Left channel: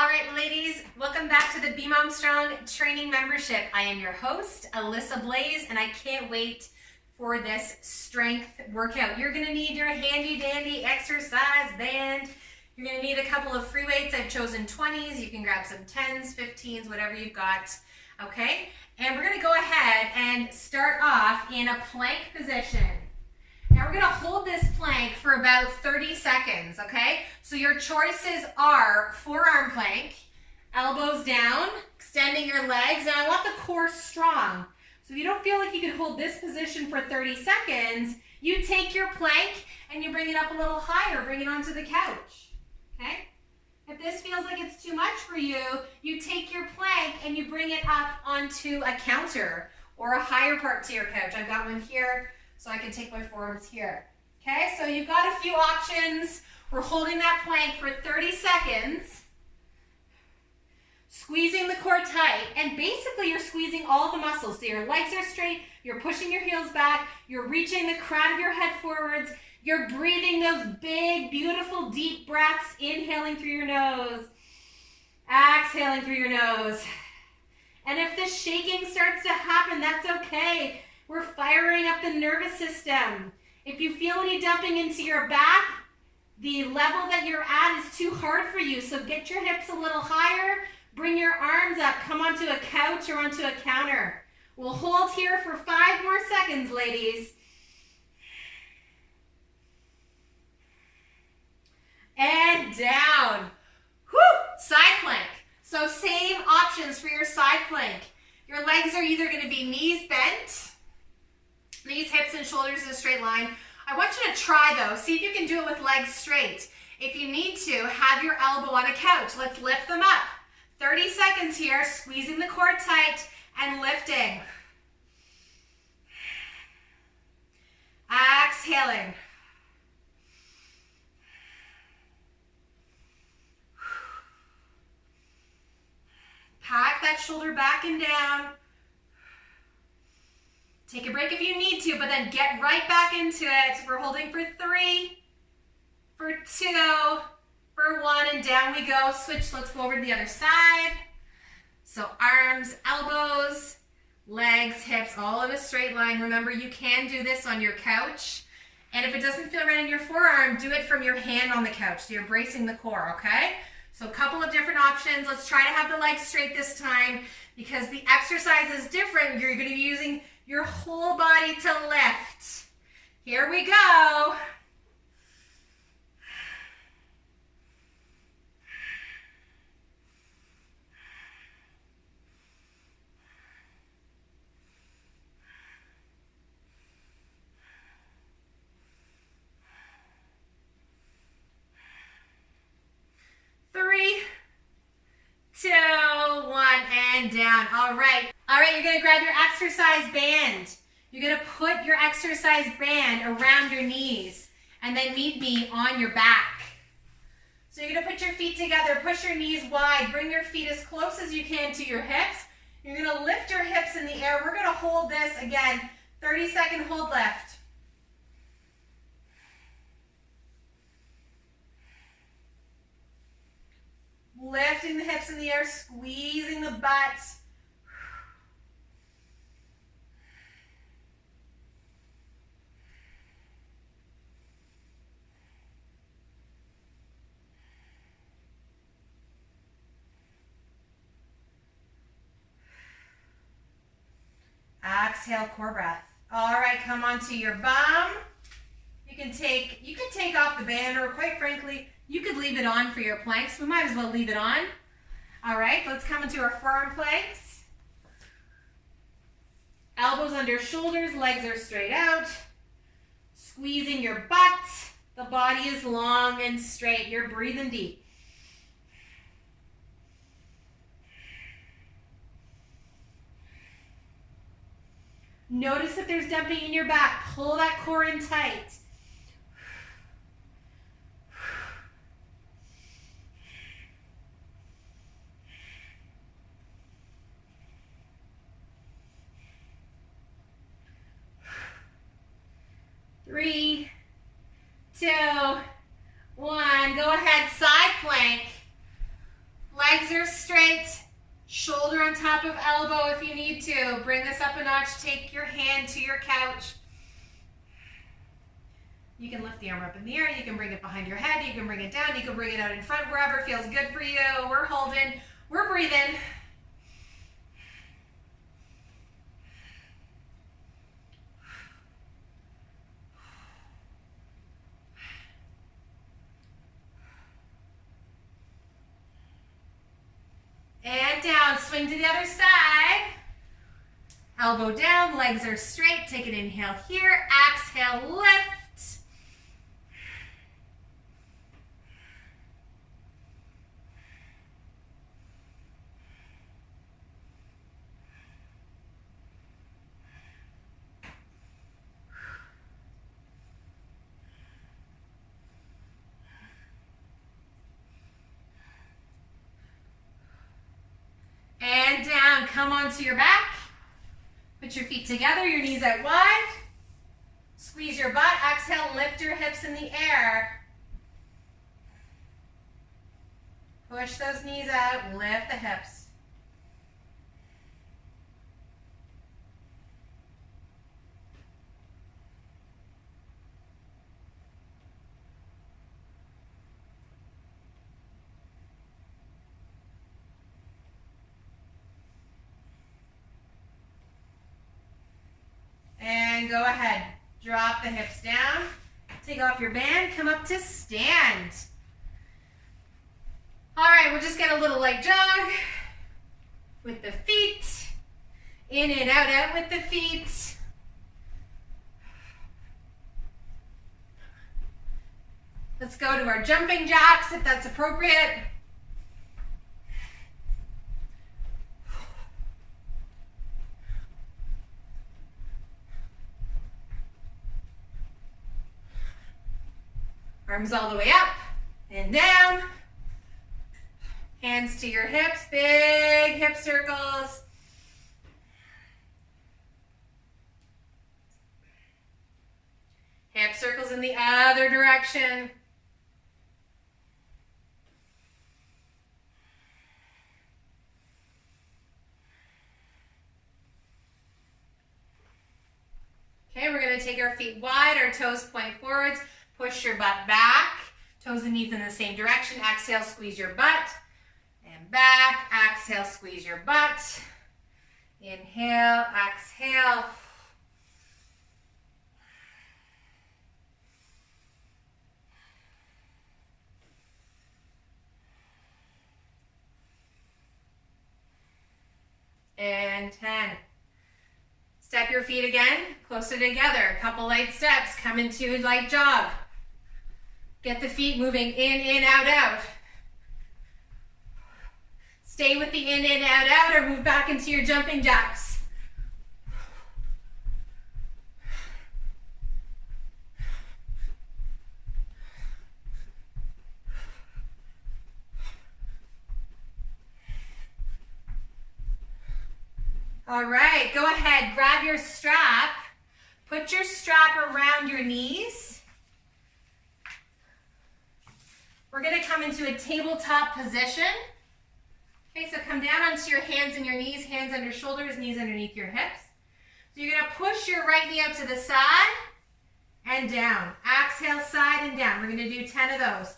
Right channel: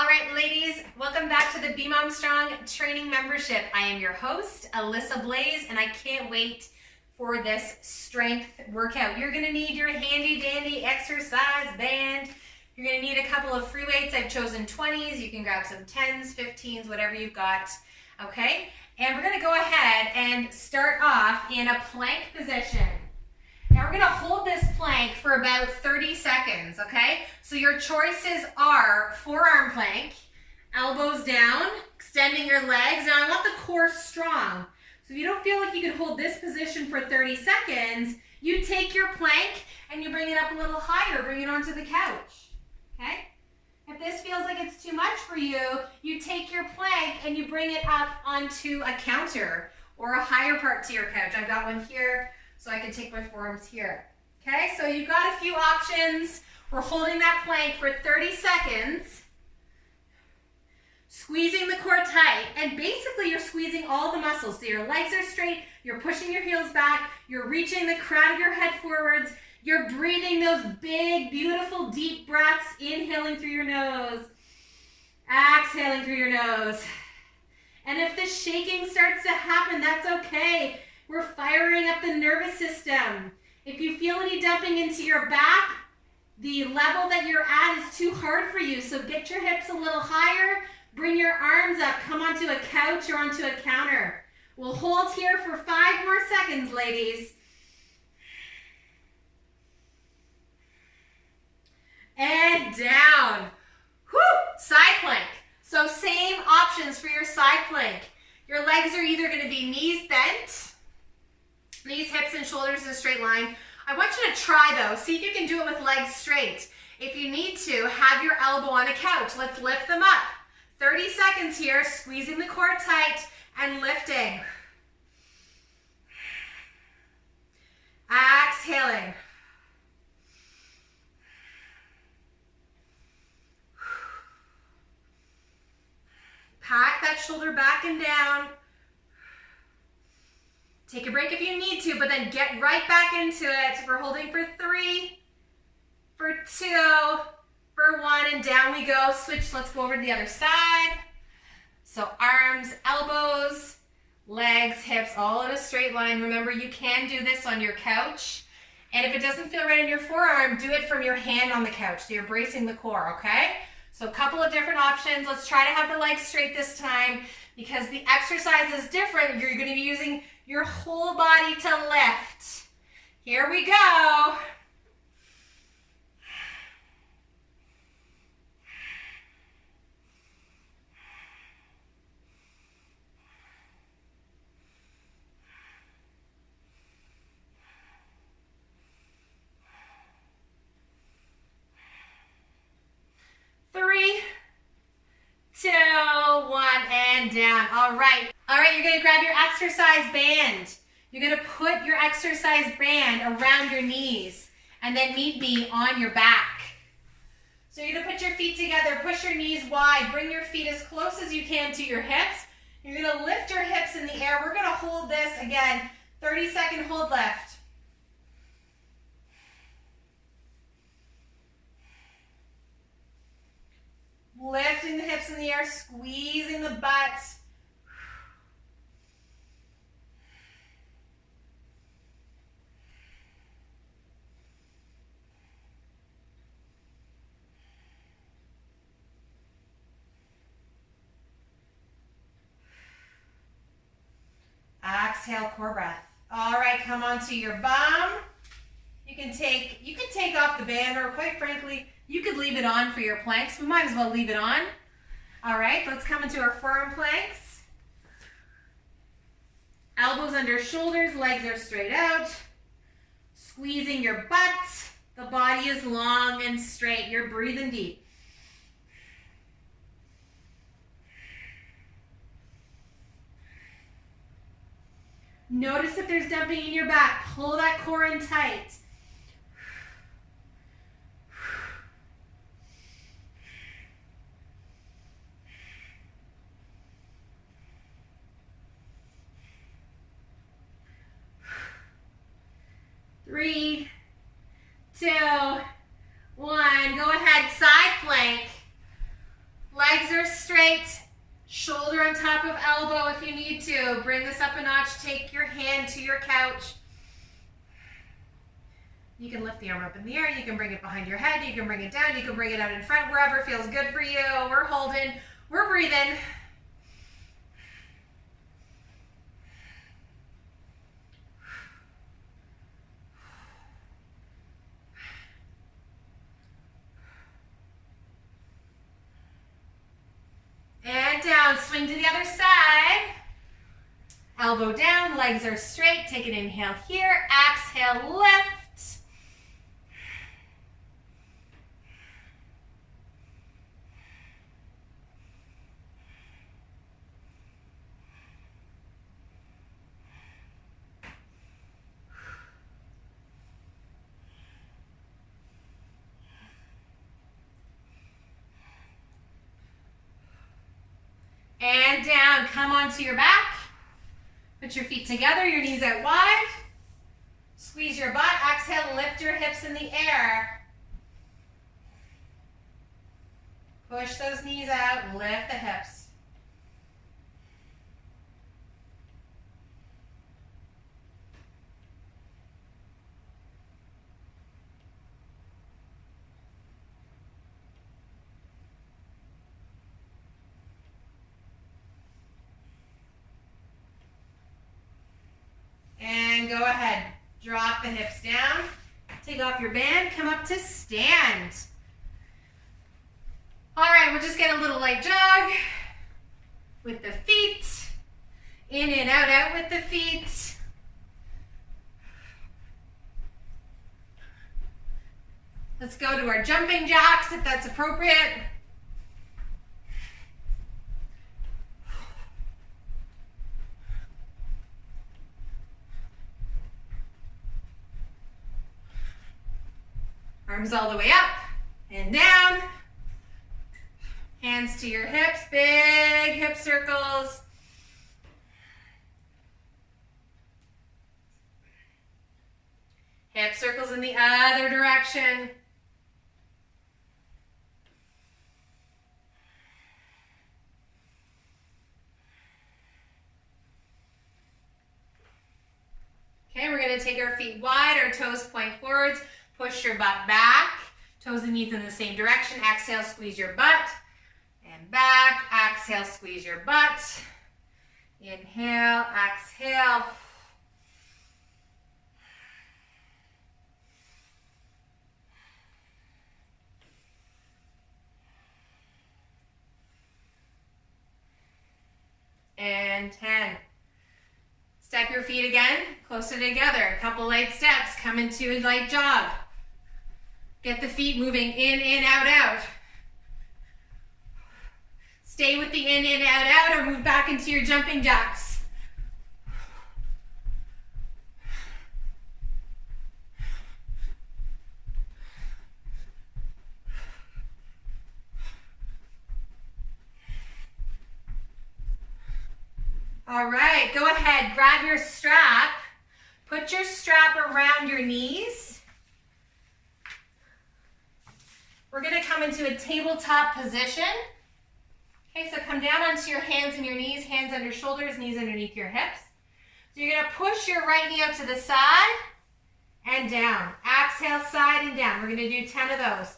All right, ladies, welcome back to the Be Mom Strong Training Membership. I am your host, Alyssa Blaze, and I can't wait for this strength workout. You're gonna need your handy dandy exercise band. You're gonna need a couple of free weights. I've chosen 20s. You can grab some 10s, 15s, whatever you've got, okay? And we're gonna go ahead and start off in a plank position. Now we're gonna hold this plank for about 30 seconds, okay? So your choices are forearm plank, elbows down, extending your legs. Now I want the core strong. So if you don't feel like you can hold this position for 30 seconds, you take your plank and you bring it up a little higher, bring it onto the couch, okay? If this feels like it's too much for you, you take your plank and you bring it up onto a counter or a higher part to your couch. I've got one here, so I can take my forearms here. Okay, so you've got a few options. We're holding that plank for 30 seconds, squeezing the core tight, and basically you're squeezing all the muscles. So your legs are straight, you're pushing your heels back, you're reaching the crown of your head forwards, you're breathing those big, beautiful, deep breaths, inhaling through your nose, exhaling through your nose. And if the shaking starts to happen, that's okay. We're firing up the nervous system. If you feel any dumping into your back, the level that you're at is too hard for you. So get your hips a little higher, bring your arms up, come onto a couch or onto a counter. We'll hold here for 5 more seconds, ladies. And down. Whew, side plank. So same options for your side plank. Your legs are either gonna be knees bent, knees, hips, and shoulders in a straight line. I want you to try though. See if you can do it with legs straight. If you need to, have your elbow on a couch. Let's lift them up. 30 seconds here, squeezing the core tight and lifting. Exhaling. Pack that shoulder back and down. Take a break if you need to, but then get right back into it. We're holding for 3, for 2, for 1, and down we go. Switch, let's go over to the other side. So arms, elbows, legs, hips, all in a straight line. Remember, you can do this on your couch. And if it doesn't feel right in your forearm, do it from your hand on the couch. So you're bracing the core, okay? So a couple of different options. Let's try to have the legs straight this time because the exercise is different. You're gonna be using your whole body to lift. Here we go. Three, 2, 1, and down. All right, you're gonna grab your exercise band. You're gonna put your exercise band around your knees and then meet me on your back. So you're gonna put your feet together, push your knees wide, bring your feet as close as you can to your hips. You're gonna lift your hips in the air. We're gonna hold this, again, 30-second hold lift. Lifting the hips in the air, squeezing the butt. Exhale, core breath. All right, come onto your bum. You can take off the band, or quite frankly, you could leave it on for your planks. We might as well leave it on. All right, let's come into our forearm planks. Elbows under shoulders, legs are straight out. Squeezing your butt. The body is long and straight. You're breathing deep. Notice if there's dumping in your back. Pull that core in tight. Three, 2, 1. Go ahead, side plank. Legs are straight. Shoulder on top of elbow if you need to. Bring this up a notch. Take your hand to your couch. You can lift the arm up in the air. You can bring it behind your head. You can bring it down. You can bring it out in front, wherever feels good for you. We're holding. We're breathing. And down. Swing to the other side. Elbow down. Legs are straight. Take an inhale here. Exhale, lift. And down, come onto your back. Put your feet together, your knees out wide. Squeeze your butt, exhale, lift your hips in the air. Push those knees out, lift the hips. And go ahead, drop the hips down, take off your band, come up to stand. All right, we'll just get a little light jog with the feet, in and out, out with the feet. Let's go to our jumping jacks if that's appropriate. Arms all the way up and down. Hands to your hips, big hip circles. Hip circles in the other direction. Okay, we're going to take our feet wide, our toes point forwards. Push your butt back, toes and knees in the same direction. Exhale, squeeze your butt. And back, exhale, squeeze your butt. Inhale, exhale. And 10. Step your feet again, closer together. A couple light steps, come into a light jog. Get the feet moving in, out, out. Stay with the in, out, out, or move back into your jumping jacks. All right, go ahead, grab your strap. Put your strap around your knees. We're gonna come into a tabletop position. Okay, so come down onto your hands and your knees, hands under shoulders, knees underneath your hips. So you're gonna push your right knee out to the side and down. Exhale, side and down. We're gonna do 10 of those.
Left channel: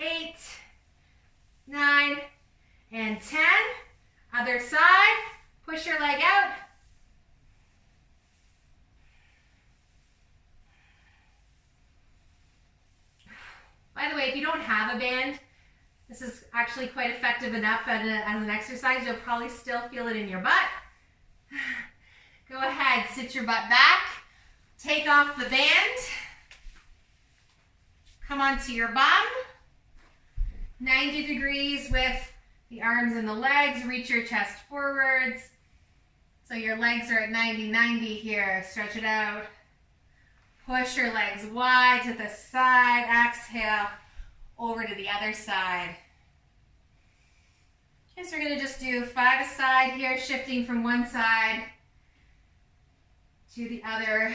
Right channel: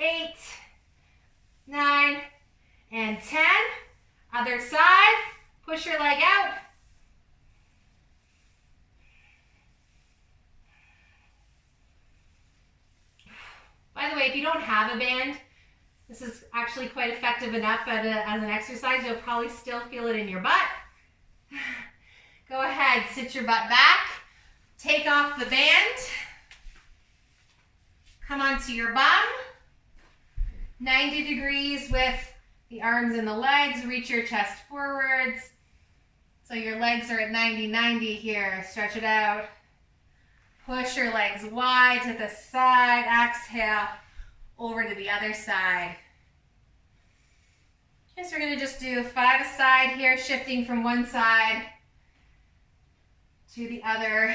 8, 9, and 10. Other side. Push your leg out. By the way, if you don't have a band, this is actually quite effective enough as an exercise. You'll probably still feel it in your butt. Go ahead, sit your butt back. Take off the band. Come onto your bum. 90 degrees with the arms and the legs. Reach your chest forwards. So your legs are at 90 here. Stretch it out. Push your legs wide to the side. Exhale, over to the other side. Okay, so we're going to just do 5 a side here, shifting from one side to the other.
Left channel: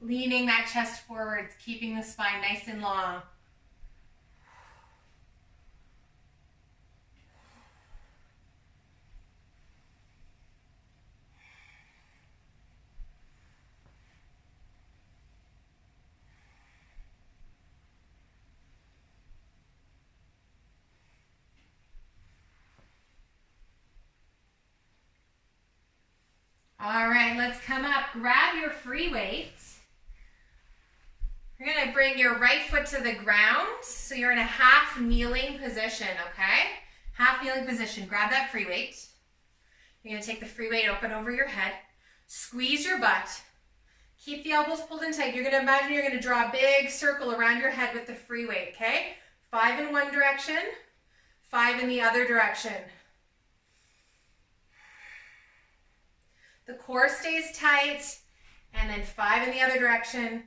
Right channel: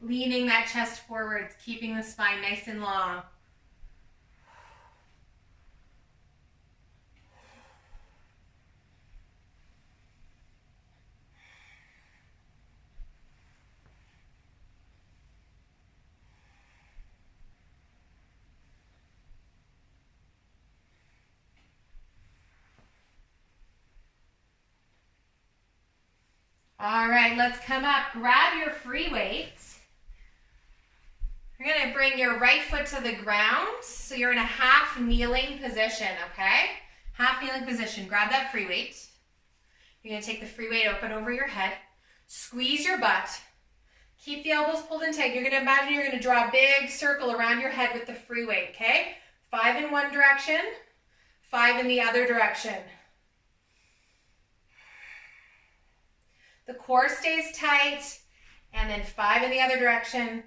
Leaning that chest forwards, keeping the spine nice and long. All right, let's come up. Grab your free weights. You're going to bring your right foot to the ground. So you're in a half kneeling position, okay? Half kneeling position. Grab that free weight. You're going to take the free weight open over your head. Squeeze your butt. Keep the elbows pulled in tight. You're going to imagine you're going to draw a big circle around your head with the free weight, okay? 5 in one direction, 5 in the other direction. The core stays tight, and then 5 in the other direction.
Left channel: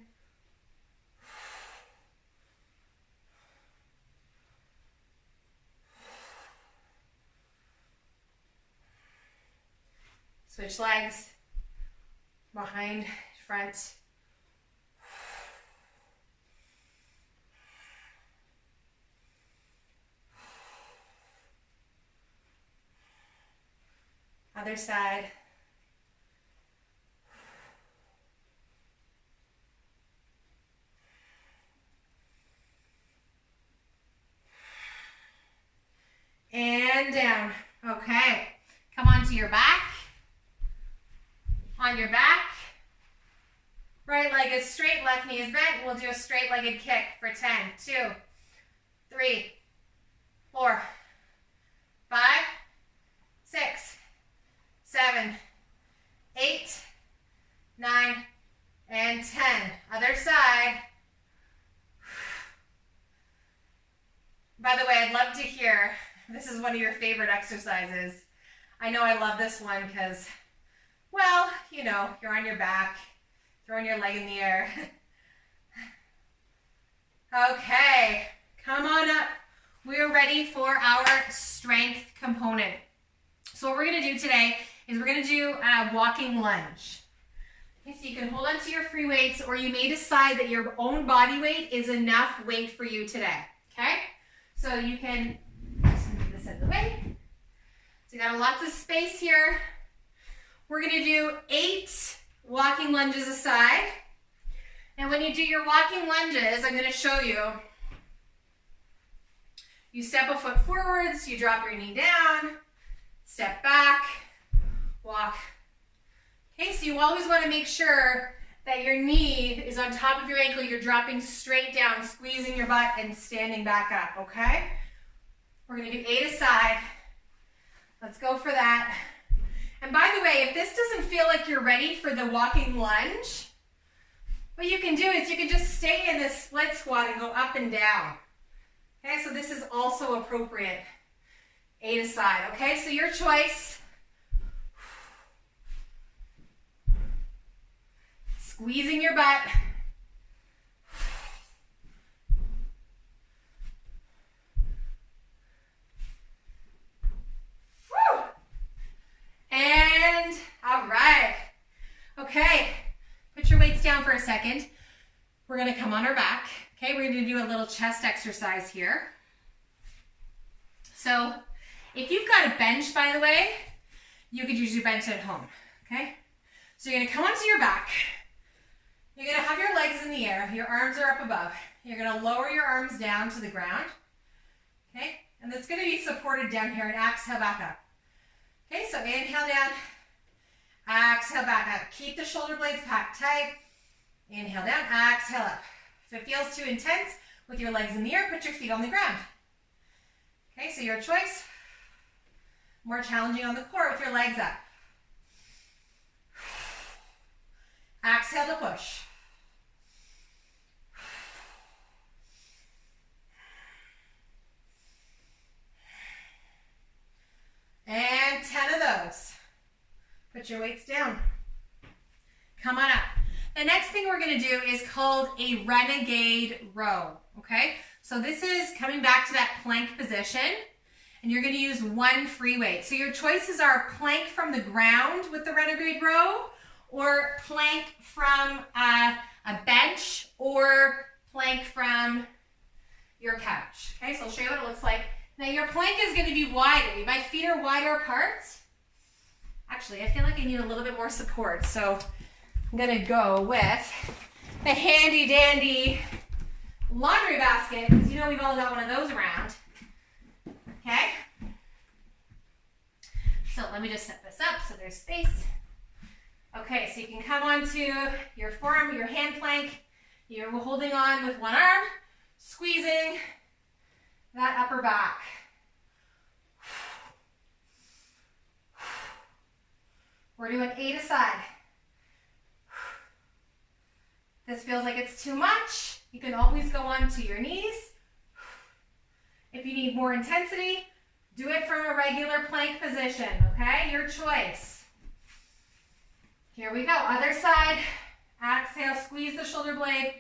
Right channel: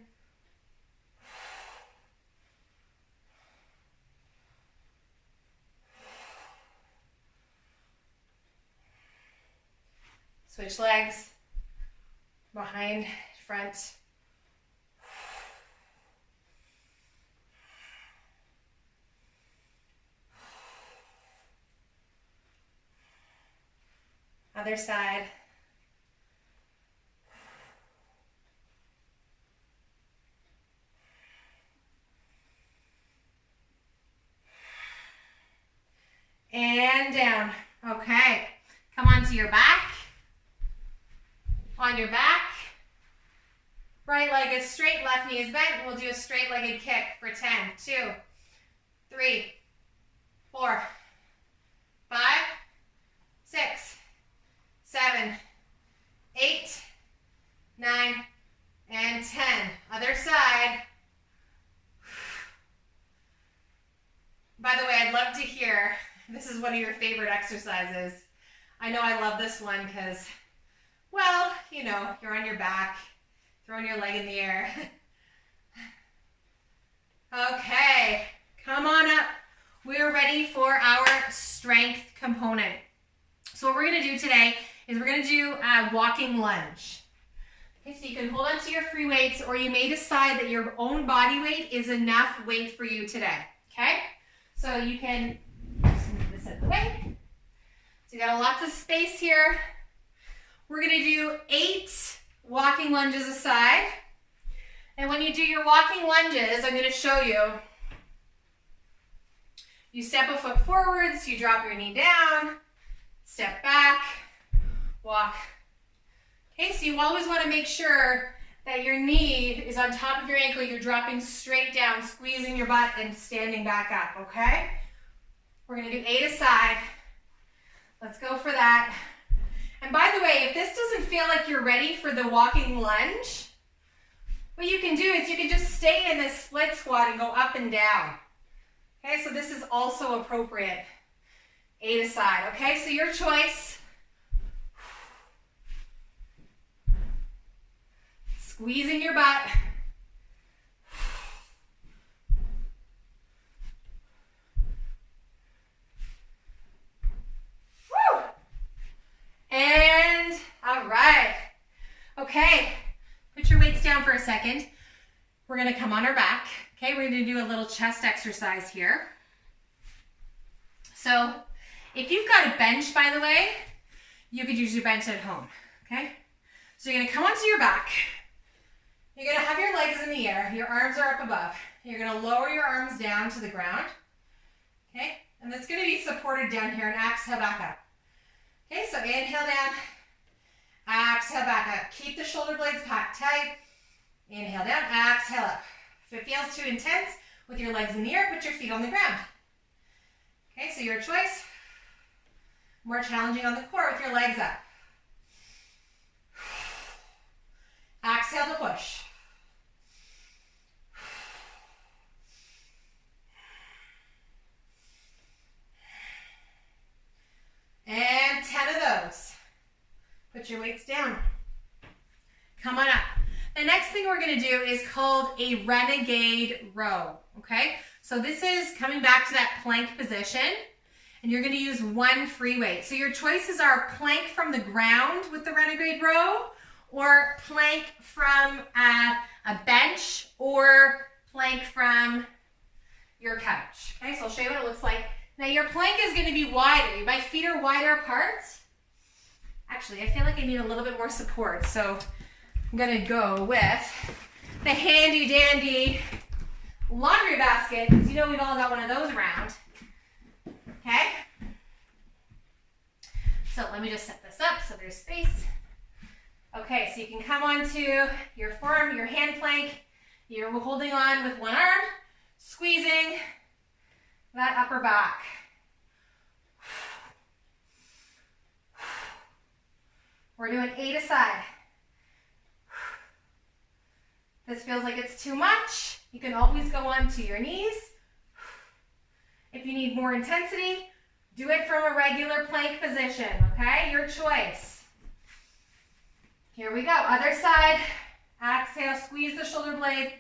Switch legs, behind, front. Other side. And down. Okay. Come onto your back. On your back. Right leg is straight, left knee is bent. We'll do a straight-legged kick for 10, 2, 3, 4, 5, 6, 7, 8, 9, and 10. Other side. By the way, I'd love to hear, this is one of your favorite exercises. I know I love this one because, well, you know, you're on your back, throwing your leg in the air. Okay, come on up. We are ready for our strength component. So what we're going to do today is we're going to do a walking lunge. Okay, so you can hold on to your free weights, or you may decide that your own body weight is enough weight for you today. Okay, so you can just move this out of the way. So you got lots of space here. We're going to do 8 walking lunges aside. And when you do your walking lunges, I'm going to show you. You step a foot forwards, you drop your knee down, step back, walk. Okay, so you always want to make sure that your knee is on top of your ankle. You're dropping straight down, squeezing your butt and standing back up, okay? We're going to do 8 aside. Let's go for that. And by the way, if this doesn't feel like you're ready for the walking lunge, what you can do is you can just stay in this split squat and go up and down. Okay, so this is also appropriate. 8 aside, okay? So your choice. Squeezing your butt. Woo! And, all right. Okay, put your weights down for a second. We're gonna come on our back. Okay, we're gonna do a little chest exercise here. So, if you've got a bench, by the way, you could use your bench at home, okay? So you're gonna come onto your back. You're gonna have your legs in the air. Your arms are up above. You're gonna lower your arms down to the ground, okay? And it's gonna be supported down here, and exhale back up. Okay, so inhale down, exhale back up. Keep the shoulder blades packed tight. Inhale down, exhale up. If it feels too intense with your legs in the air, put your feet on the ground. Okay, so your choice. More challenging on the core with your legs up. Exhale to push. And 10 of those. Put your weights down. Come on up. The next thing we're going to do is called a renegade row, okay? So this is coming back to that plank position, and you're going to use 1 free weight. So your choices are plank from the ground with the renegade row, or plank from a bench, or plank from your couch. Okay, so I'll show you what it looks like. Now your plank is going to be wider. My feet are wider apart. Actually, I feel like I need a little bit more support, so I'm going to go with the handy dandy laundry basket, because you know we've all got one of those around. Okay? So let me just set this up so there's space. Okay, so you can come onto your forearm, your hand plank. You're holding on with one arm, squeezing that upper back. We're doing 8 a side. This feels like it's too much. You can always go onto your knees. If you need more intensity, do it from a regular plank position, okay? Your choice. Here we go, other side. Exhale, squeeze the shoulder blade.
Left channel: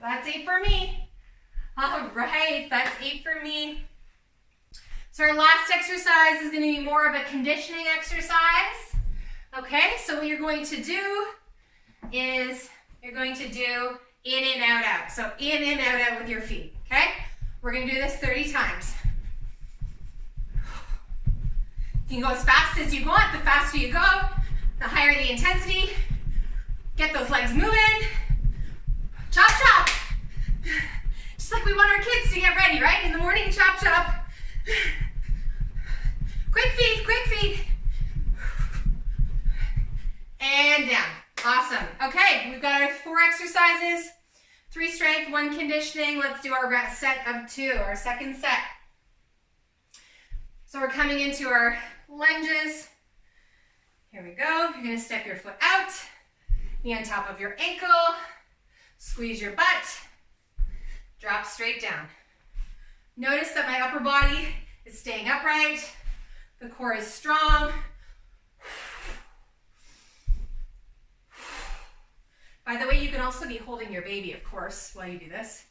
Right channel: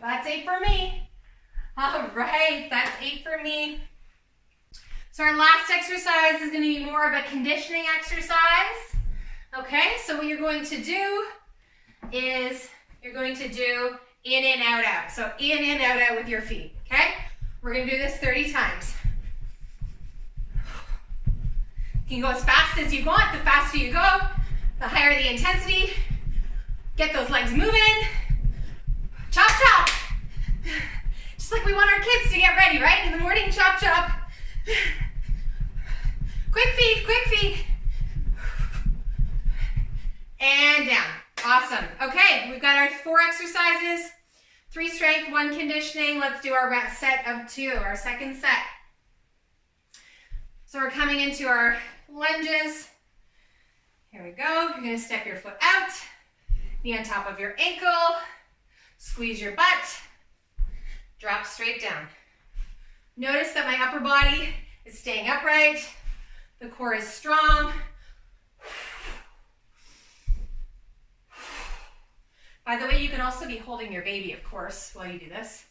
That's 8 for me. All right, that's 8 for me. So our last exercise is going to be more of a conditioning exercise. Okay, so what you're going to do is you're going to do in and out, out. So in and out, out with your feet, okay? We're going to do this 30 times. You can go as fast as you want. The faster you go, the higher the intensity. Get those legs moving. Chop, chop. Just like we want our kids to get ready, right? In the morning, chop, chop. Quick feet, quick feet. And down. Awesome. Okay, we've got our 4 exercises, 3 strength, 1 conditioning. Let's do our set of 2, our second set. So we're coming into our lunges. Here we go. You're gonna step your foot out, knee on top of your ankle, squeeze your butt, drop straight down. Notice that my upper body is staying upright, the core is strong. By the way, you can also be holding your baby, of course, while you do this.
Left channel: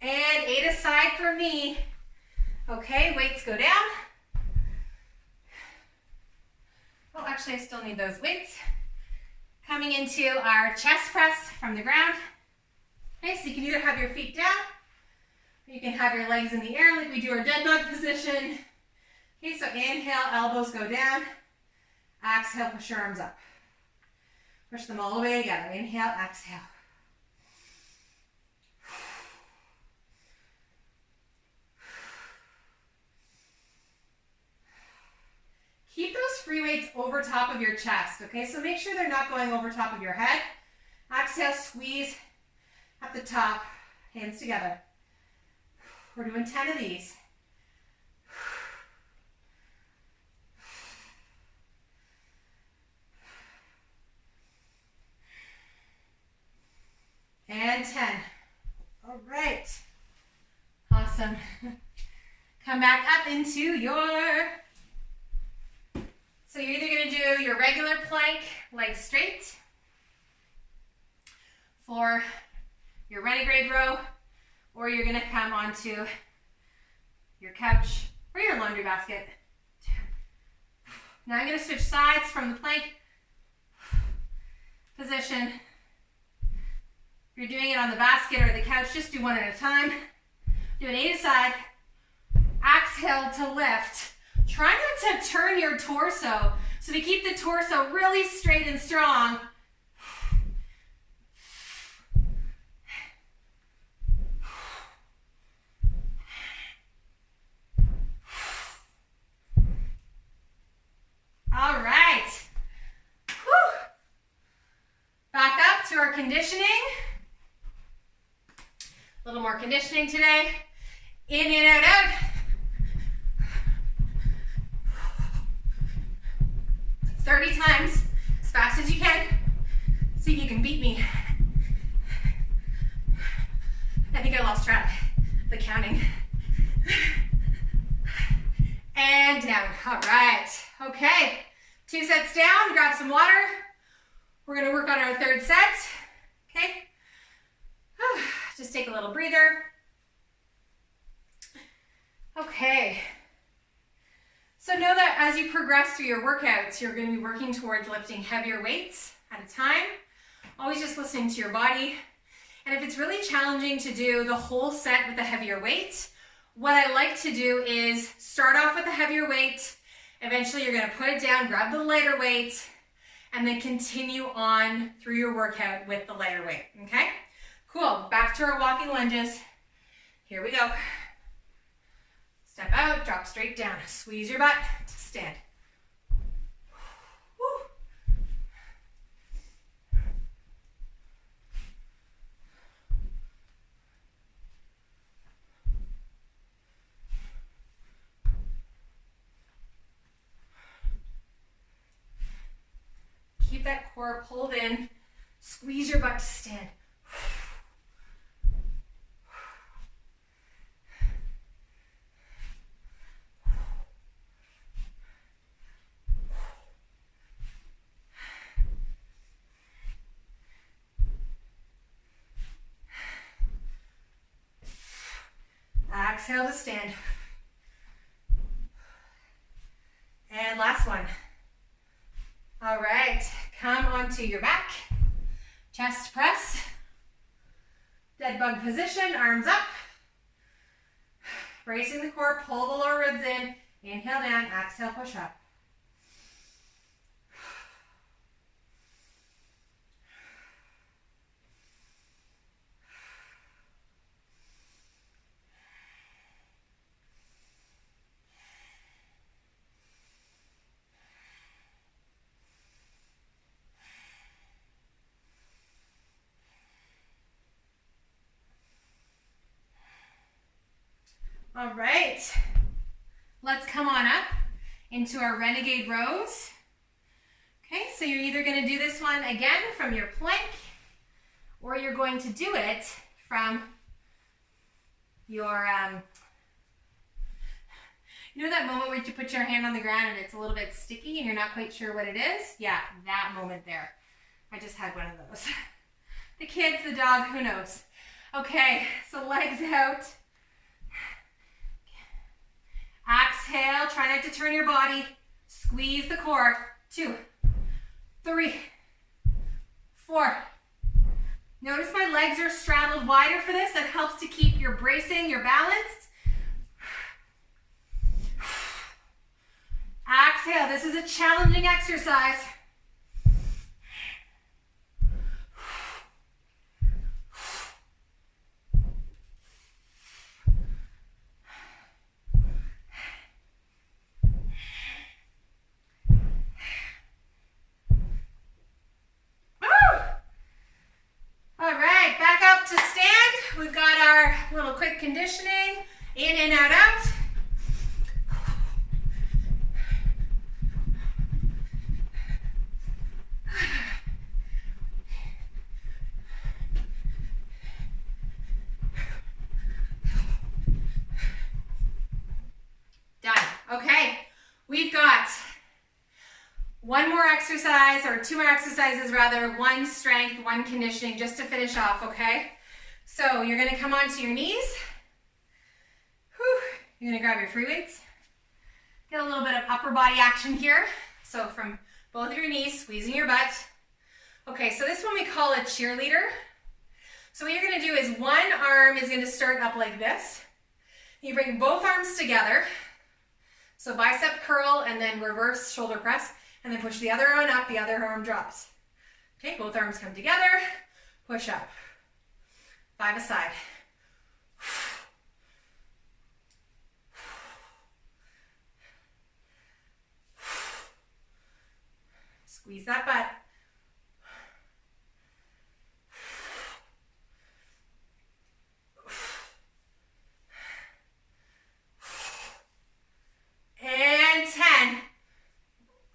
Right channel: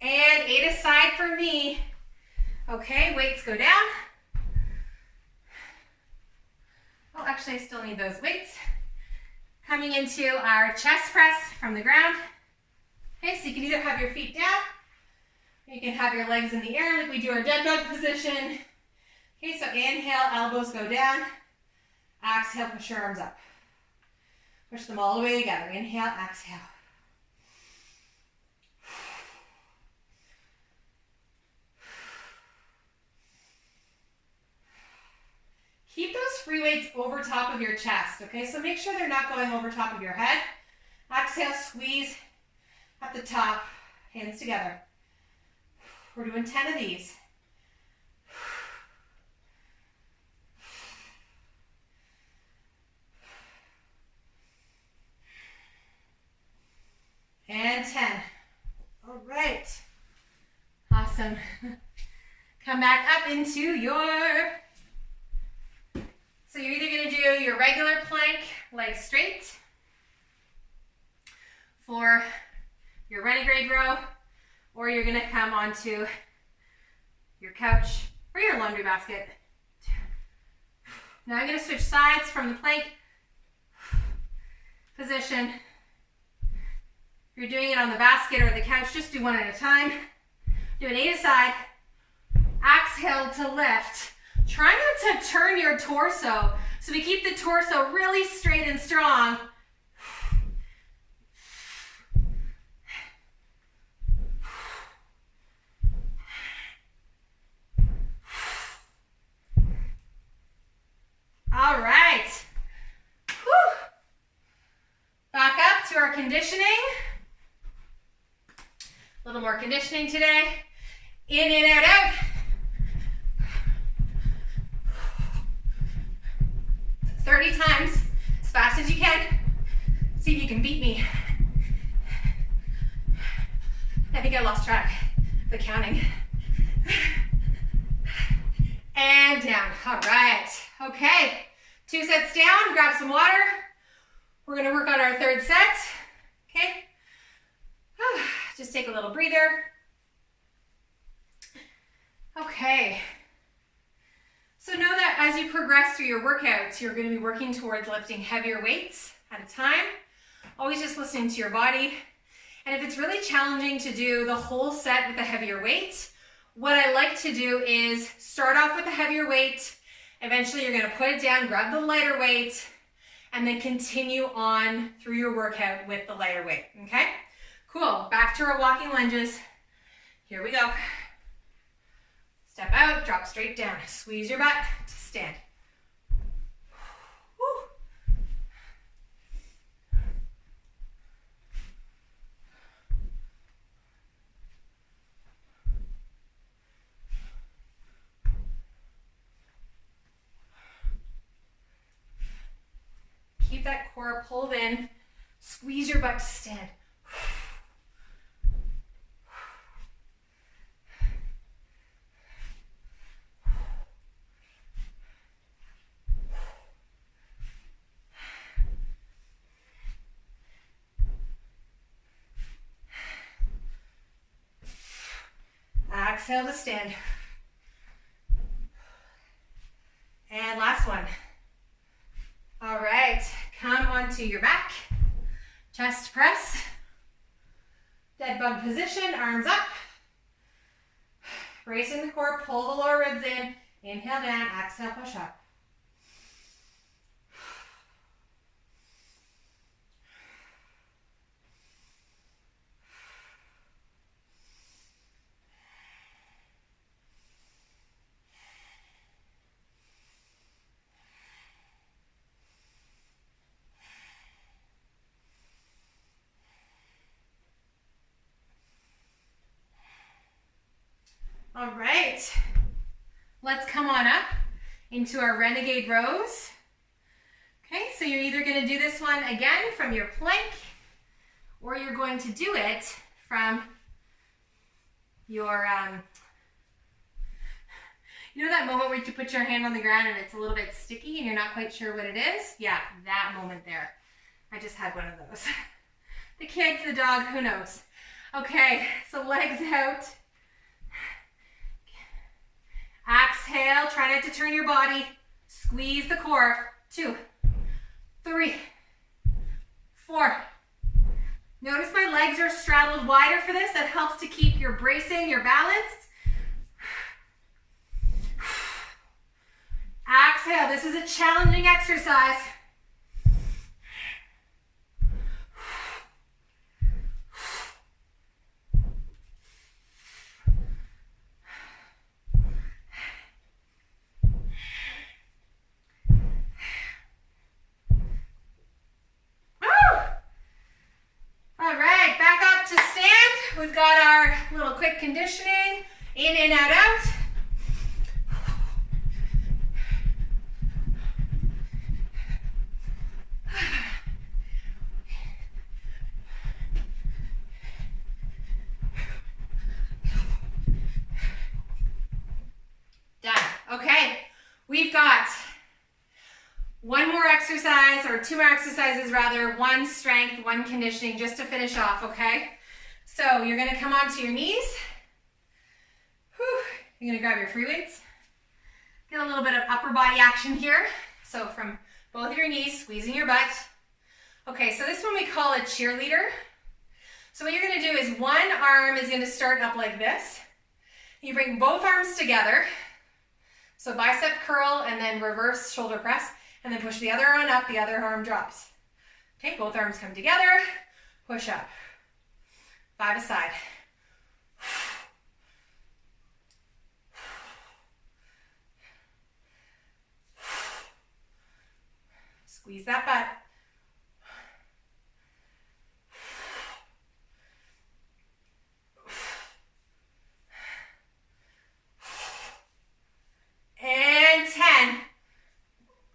And 8 aside for me. Okay, weights go down. Oh, actually, I still need those weights. Coming into our chest press from the ground. Okay, so you can either have your feet down, or you can have your legs in the air like we do our dead bug position. Okay, so inhale, elbows go down. Exhale, push your arms up. Push them all the way together. Inhale, exhale. Keep those free weights over top of your chest, okay? So make sure they're not going over top of your head. Exhale, squeeze at the top, hands together. We're doing 10 of these. And 10. All right. Awesome. Come back up into your... So you're either going to do your regular plank, legs straight, for your renegade row, or you're going to come onto your couch or your laundry basket. Now I'm going to switch sides from the plank position. If you're doing it on the basket or the couch, just do one at a time. Do an 8 aside. Exhale to lift. Try not to turn your torso. So we keep the torso really straight and strong. All right. Whew. Back up to our conditioning. A little more conditioning today. In and out, out. 30 times as fast as you can. See if you can beat me. I think I lost track of the counting. And down. All right. Okay. 2 sets down. Grab some water. We're going to work on our third set. Okay. Just take a little breather. Okay. So know that as you progress through your workouts, you're going to be working towards lifting heavier weights at a time. Always just listening to your body. And if it's really challenging to do the whole set with a heavier weight, what I like to do is start off with a heavier weight. Eventually you're going to put it down, grab the lighter weight, and then continue on through your workout with the lighter weight. Okay? Cool. Back to our walking lunges. Here we go. Step out, drop straight down. Squeeze your butt to stand. Woo. Keep that core pulled in. Squeeze your butt to stand. Exhale to stand. And last one. All right, come onto your back. Chest press. Dead bug position, arms up. Bracing the core, pull the lower ribs in. Inhale down, exhale, push up. All right, let's come on up into our renegade rows. Okay, so you're either going to do this one again from your plank, or you're going to do it from your, you know that moment where you put your hand on the ground and it's a little bit sticky and you're not quite sure what it is? Yeah, that moment there. I just had one of those. The kids, the dog, who knows? Okay, so legs out. Exhale, try not to turn your body. Squeeze the core. 2, 3, 4. Notice my legs are straddled wider for this. That helps to keep your bracing, your balanced. Exhale, this is a challenging exercise. We've got our little quick conditioning, in and out, out. Done. Okay, we've got one more exercise, or 2 more exercises rather, 1 strength, 1 conditioning, just to finish off, okay? So you're going to come onto your knees. Whew. You're going to grab your free weights. Get a little bit of upper body action here. So from both of your knees, squeezing your butt. Okay, so this one we call a cheerleader. So what you're going to do is one arm is going to start up like this. You bring both arms together. So bicep curl and then reverse shoulder press. And then push the other arm up, the other arm drops. Okay, both arms come together. Push up. 5 aside. Squeeze that butt. And 10.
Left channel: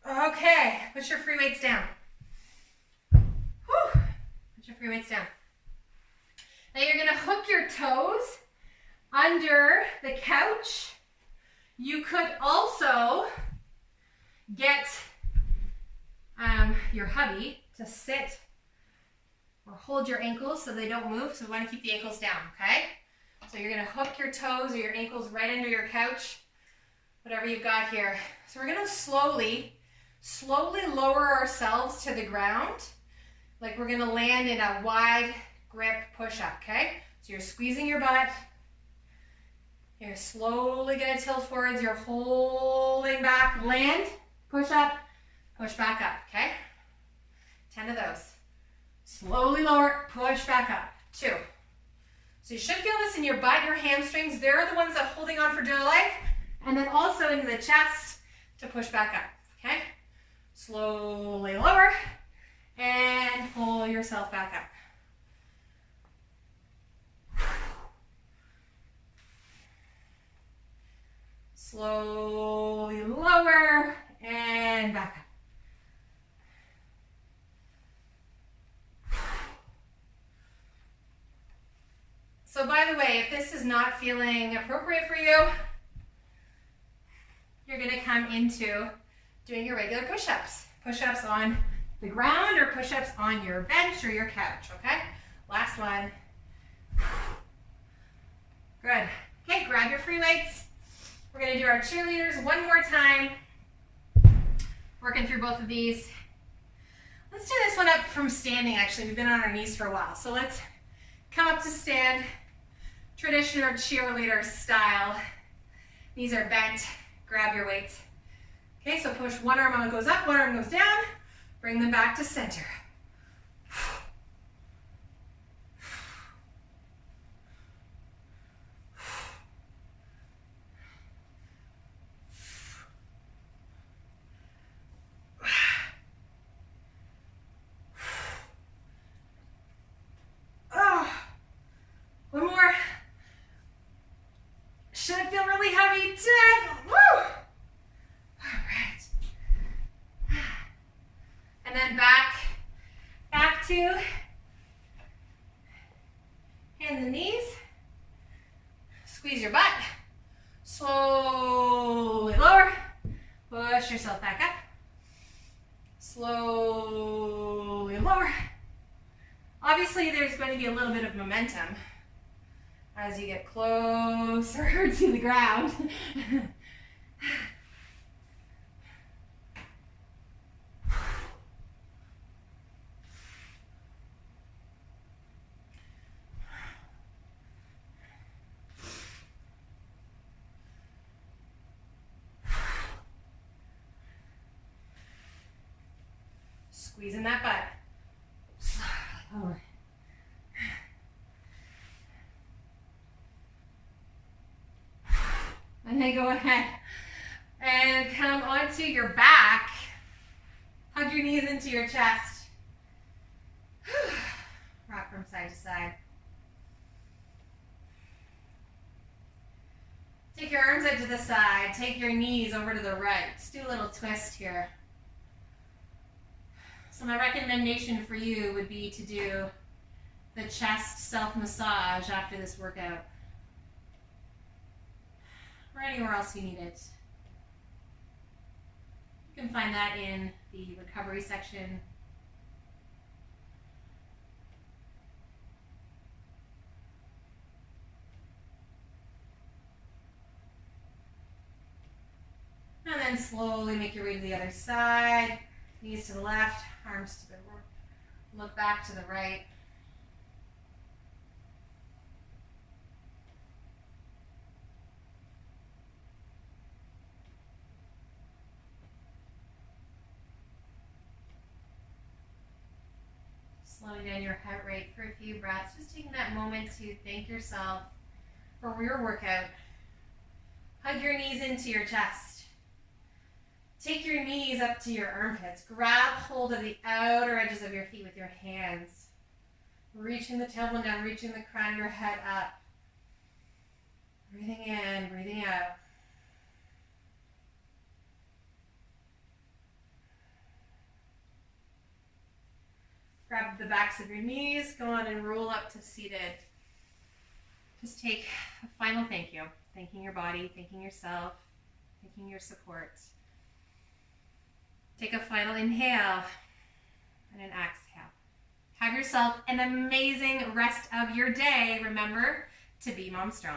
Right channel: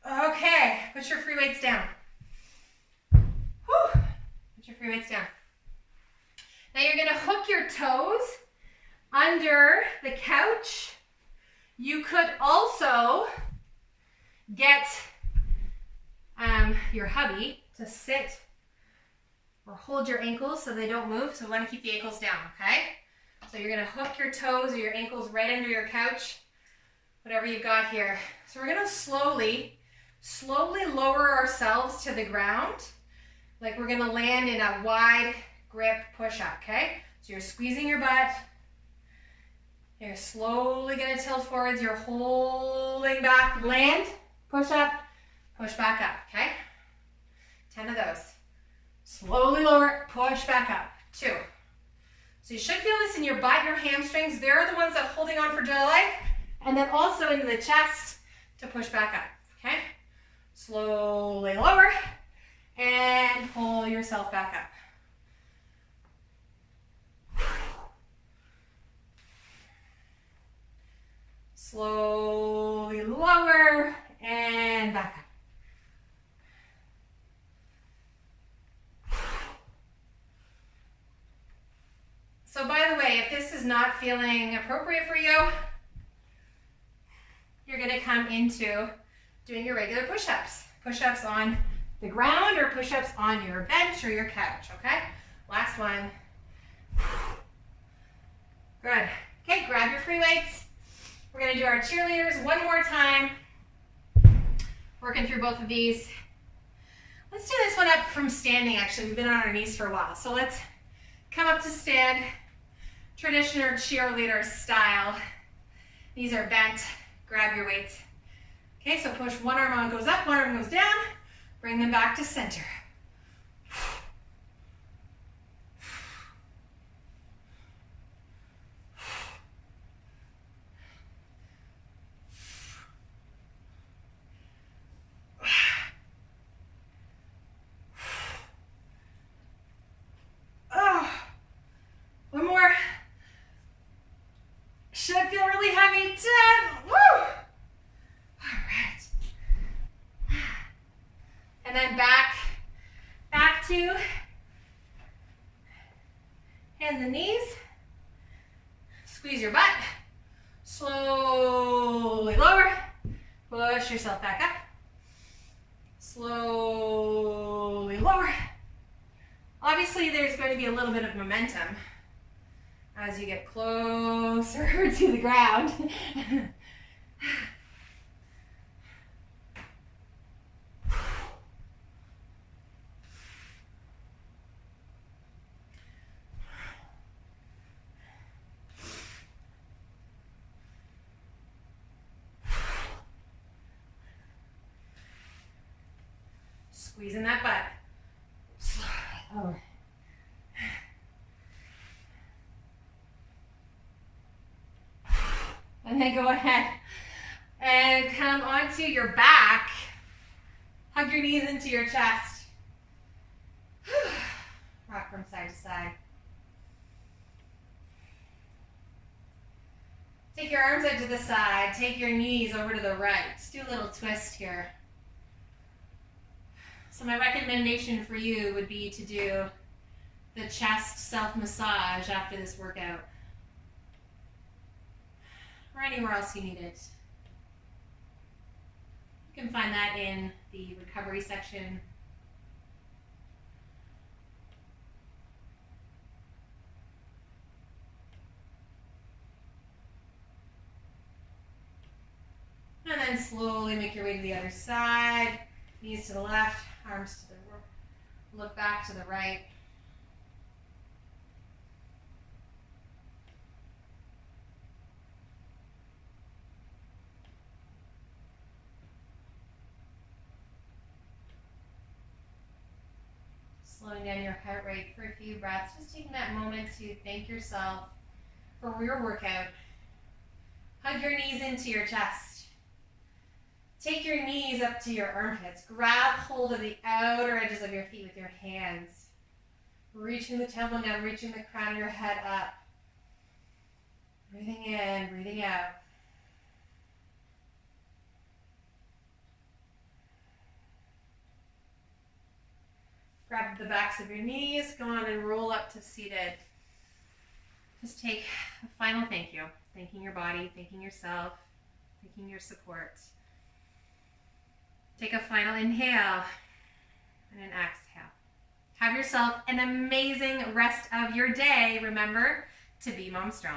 Okay, put your free weights down. Whew. Put your free weights down. Now you're gonna hook your toes under the couch. You could also get your hubby to sit or hold your ankles so they don't move. So we want to keep the ankles down, okay? So you're gonna hook your toes or your ankles right under your couch, whatever you've got here. So we're gonna slowly lower ourselves to the ground, like we're gonna land in a wide grip push-up, okay? So you're squeezing your butt. You're slowly gonna tilt forwards. You're holding back, land, push up, push back up, okay? 10 of those. Slowly lower, push back up. 2. So you should feel this in your butt, your hamstrings. They're the ones that are holding on for dear life. And then also into the chest to push back up, okay? Slowly lower and pull yourself back up. Slowly lower and back up. So by the way, if this is not feeling appropriate for you, you're going to come into doing your regular push-ups. Push-ups on the ground or push-ups on your bench or your couch, okay? Last one. Good. Okay, grab your free weights. We're going to do our cheerleaders one more time. Working through both of these. Let's do this one up from standing, actually. We've been on our knees for a while. So let's come up to stand. Traditional cheerleader style. Knees are bent. Grab your weights. Okay, so push one arm on, goes up, one arm goes down. Bring them back to center. One more. Should feel really heavy. 10. Woo! All right. And then back to hand the knees. Squeeze your butt. Slowly lower. Push yourself back up. Slowly lower. Obviously, there's going to be a little bit of momentum as you get closer to the ground. Squeezing that butt. Lower. And then go ahead and come onto your back. Hug your knees into your chest. Rock from side to side. Take your arms out to the side. Take your knees over to the right. Just do a little twist here. So my recommendation for you would be to do the chest self-massage after this workout. Or anywhere else you need it. You can find that in the recovery section. And then slowly make your way to the other side. Knees to the left, arms to the right. Look back to the right. Slowing down your heart rate for a few breaths. Just taking that moment to thank yourself for your workout. Hug your knees into your chest. Take your knees up to your armpits. Grab hold of the outer edges of your feet with your hands. Reaching the tailbone down, reaching the crown of your head up. Breathing in, breathing out. Grab the backs of your knees. Go on and roll up to seated. Just take a final thank you. Thanking your body, thanking yourself, thanking your support. Take a final inhale and an exhale. Have yourself an amazing rest of your day. Remember to be Mom Strong.